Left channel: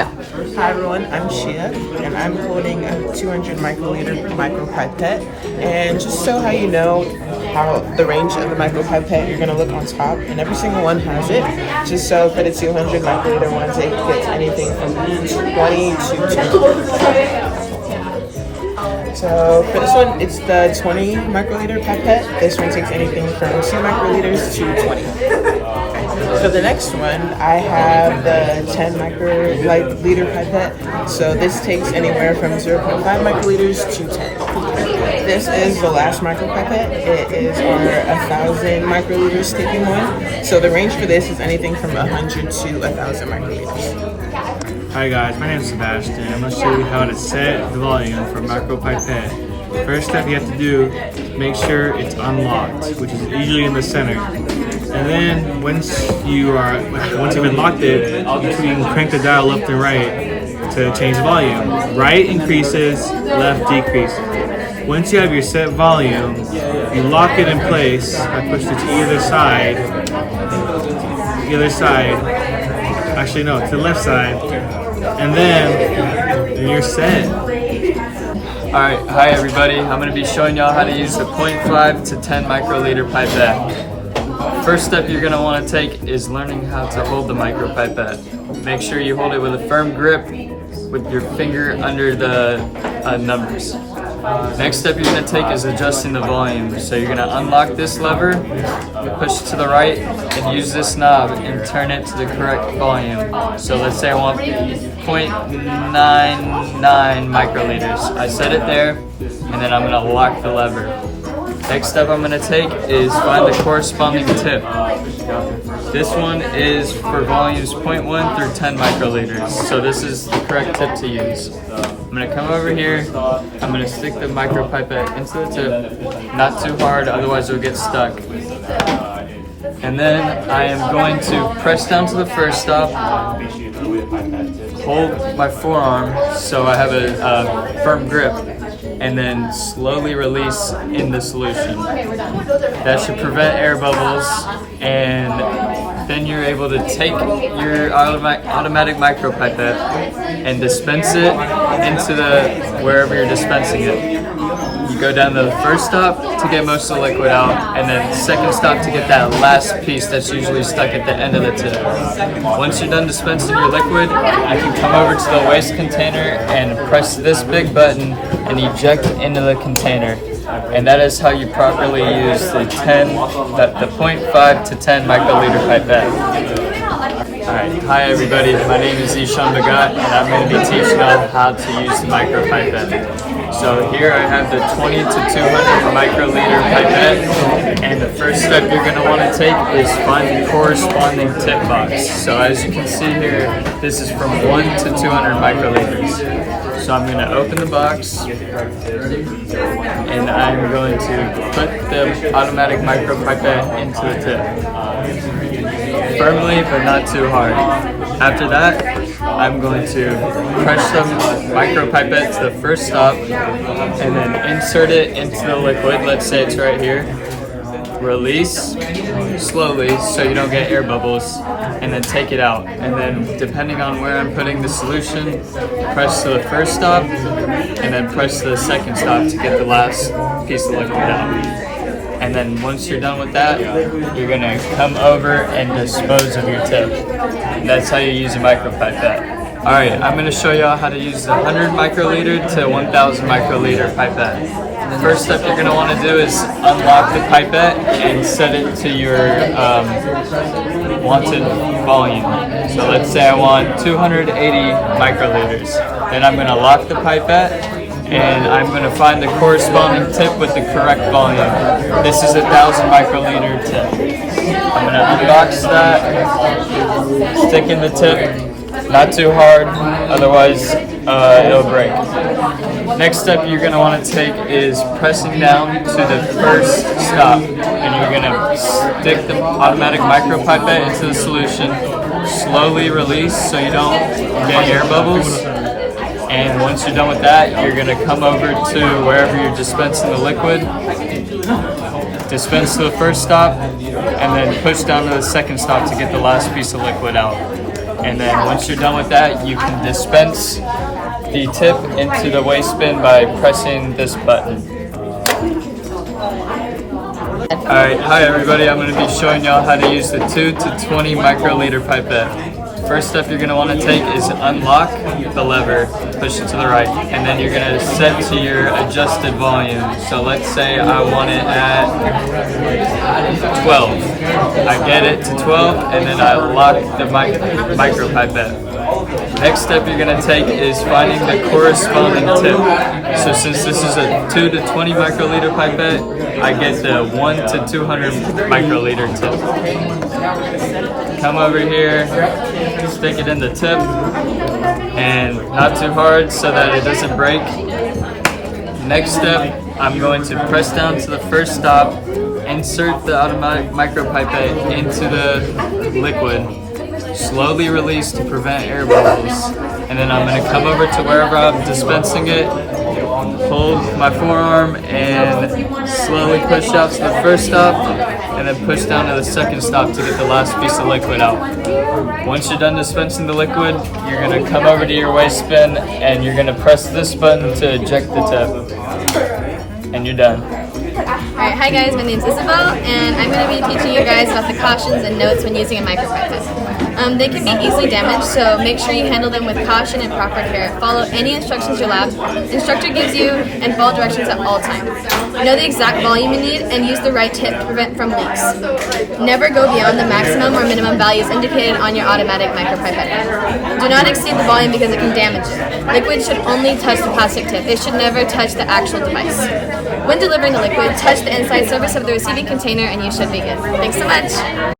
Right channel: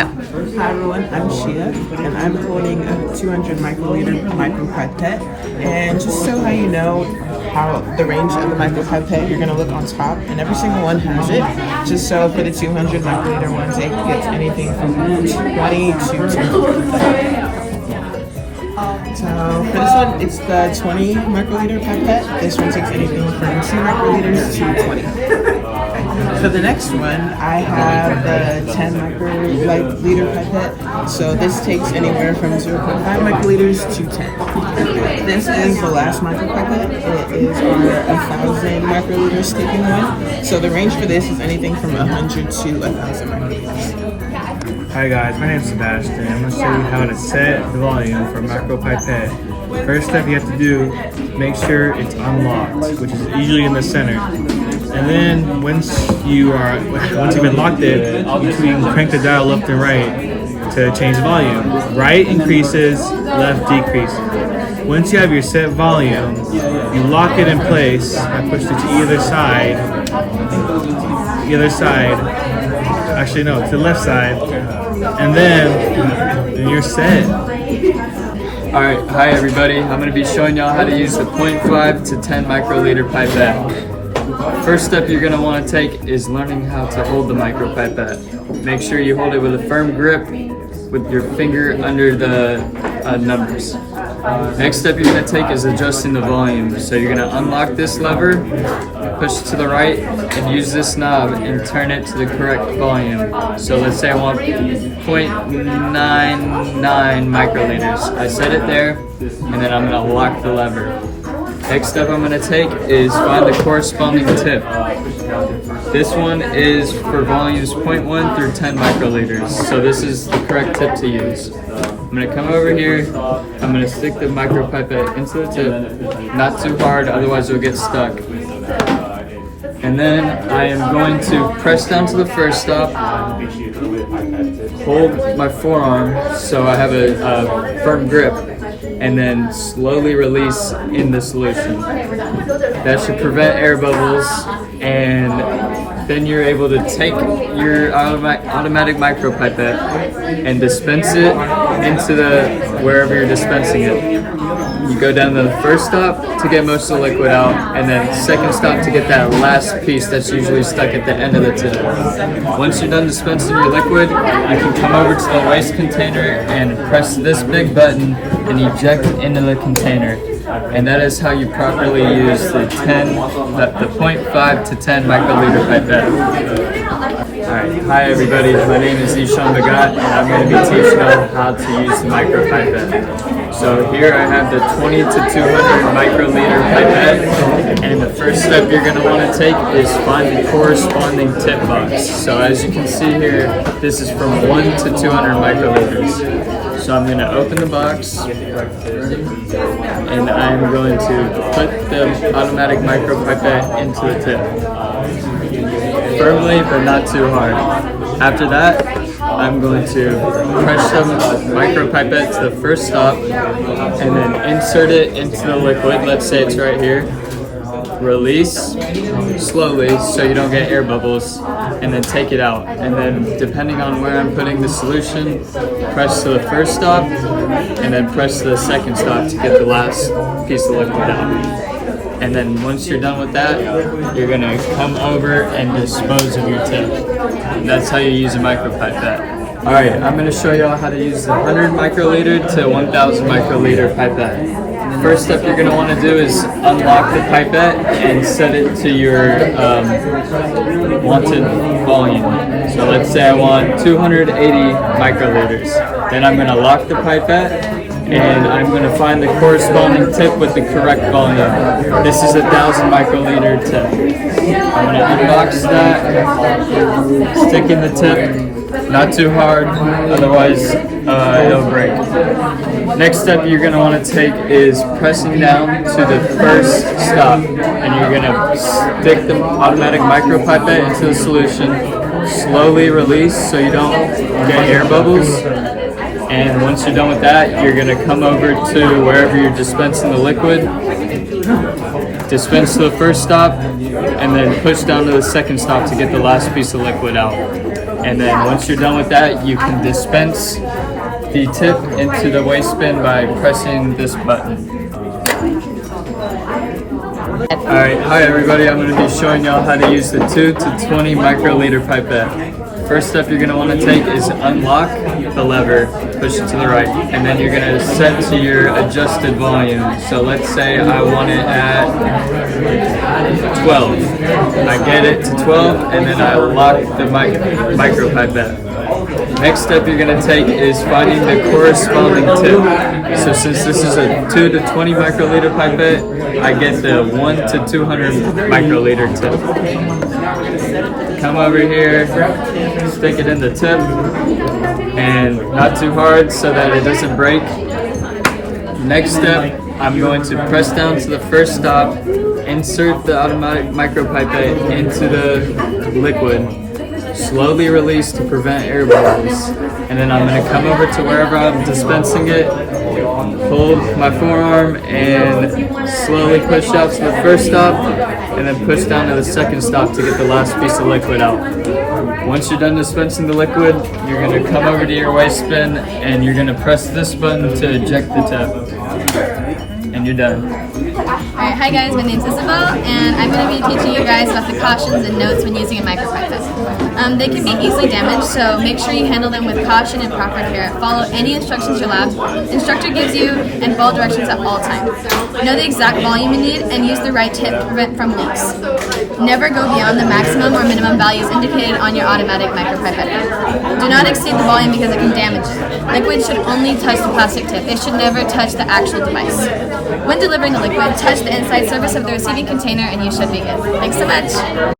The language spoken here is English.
Chia. Hi everyone, I'm Chia, and I'm holding a 200 microliter micropipette. And just so how you know how the range of the micropipette, you're gonna look on top, and every single one has it. Just so for the 200 microliter ones, it gets anything from 20 to 10. So for this one, it's the 20 microliter pipette. This one takes anything from 2 microliters to 20. For the next one, I have the 10 microliter pipette. So this takes anywhere from 0.5 microliters to 10. This is the last micropipette. It is our 1,000 microliters taking one. So the range for this is anything from 100 to 1,000 microliters. Hi guys, my name is Sebastian. I'm going to show you how to set the volume for Micropipette. First step you have to do, make sure it's unlocked, which is usually in the center. And then once you've unlocked it, you can crank the dial left and right to change the volume. Right increases, left decreases. Once you have your set volume, you lock it in place. I push it to either side. Actually no, to the left side. And then you're set. Alright, hi everybody. I'm going to be showing y'all how to use the 0.5 to 10 microliter pipette. First step you're going to want to take is learning how to hold the micropipette. Make sure you hold it with a firm grip with your finger under the numbers. Next step you're going to take is adjusting the volume. So you're going to unlock this lever, push to the right, and use this knob and turn it to the correct volume. So let's say I want 0.99 microliters. I set it there, and then I'm going to lock the lever. Next step I'm going to take is find the corresponding tip. This one is for volumes 0.1 through 10 microliters. So this is the correct tip to use. I'm going to come over here, I'm going to stick the micropipette into the tip, not too hard, otherwise it'll get stuck. And then I am going to press down to the first stop, hold my forearm so I have a firm grip, and then slowly release in the solution. That should prevent air bubbles, and then you're able to take your automatic micropipette and dispense it into wherever you're dispensing it. You go down to the first stop to get most of the liquid out, and then second stop to get that last piece that's usually stuck at the end of the tip. Once you're done dispensing your liquid, you can come over to the waste container and press this big button and eject into the container. And that is how you properly use the 0.5 to 10 microliter pipette. Alright, hi everybody, my name is Ishaan and I'm going to be teaching you how to use the micropipette. So here I have the 20 to 200 microliter pipette, and the first step you're going to want to take is find the corresponding tip box. So as you can see here, this is from 1 to 200 microliters. So I'm going to open the box, and I'm going to put the automatic micropipette into the tip. Firmly, but not too hard. After that, I'm going to press the micropipette to the first stop and then insert it into the liquid. Let's say it's right here. Release slowly so you don't get air bubbles, and then take it out. And then depending on where I'm putting the solution, press to the first stop and then press to the second stop to get the last piece of liquid out. And then once you're done with that, you're going to come over and dispose of your tip. That's how you use a micropipette. Alright, I'm going to show y'all how to use the 100 microliter to 1000 microliter pipette. First step you're going to want to do is unlock the pipette and set it to your wanted volume. So let's say I want 280 microliters. Then I'm going to lock the pipette, and I'm going to find the corresponding tip with the correct volume. This is 1000 microliter tip. I'm going to unbox that, stick in the tip, not too hard, otherwise it'll break. Next step you're going to want to take is pressing down to the first stop, and you're going to stick the automatic micropipette into the solution, slowly release so you don't get air bubbles. And once you're done with that, you're going to come over to wherever you're dispensing the liquid, dispense to the first stop, and then push down to the second stop to get the last piece of liquid out. And then once you're done with that, you can dispense the tip into the waste bin by pressing this button. Alright, hi everybody, I'm going to be showing y'all how to use the 2 to 20 microliter pipette. First step you're going to want to take is unlock the lever, push it to the right, and then you're going to set to your adjusted volume. So let's say I want it at 12. I get it to 12 and then I lock the micropipette. Next step you're going to take is finding the corresponding tip. So since this is a 2 to 20 microliter pipette, I get the 1 to 200 microliter tip. Come over here, stick it in the tip, and not too hard so that it doesn't break. Next step, I'm going to press down to the first stop, insert the automatic micropipette into the liquid, slowly release to prevent air bubbles, and then I'm going to come over to wherever I'm dispensing it, hold my forearm and slowly push out to the first stop, and then push down to the second stop to get the last piece of liquid out. Once you're done dispensing the liquid, you're going to come over to your waste bin and you're going to press this button to eject the tip. And you're done. Alright, hi guys, my name is Isabel, and I'm going to be teaching you guys about the cautions and notes when using a micropipette. They can be easily damaged, so make sure you handle them with caution and proper care. Follow any instructions your lab instructor gives you and follow directions at all times. Know the exact volume you need and use the right tip to prevent from leaks. Never go beyond the maximum or minimum values indicated on your automatic micropipette. Do not exceed the volume because it can damage it. Liquid should only touch the plastic tip. It should never touch the actual device. When delivering the liquid, touch the inside surface of the receiving container and you should be good. Thanks so much.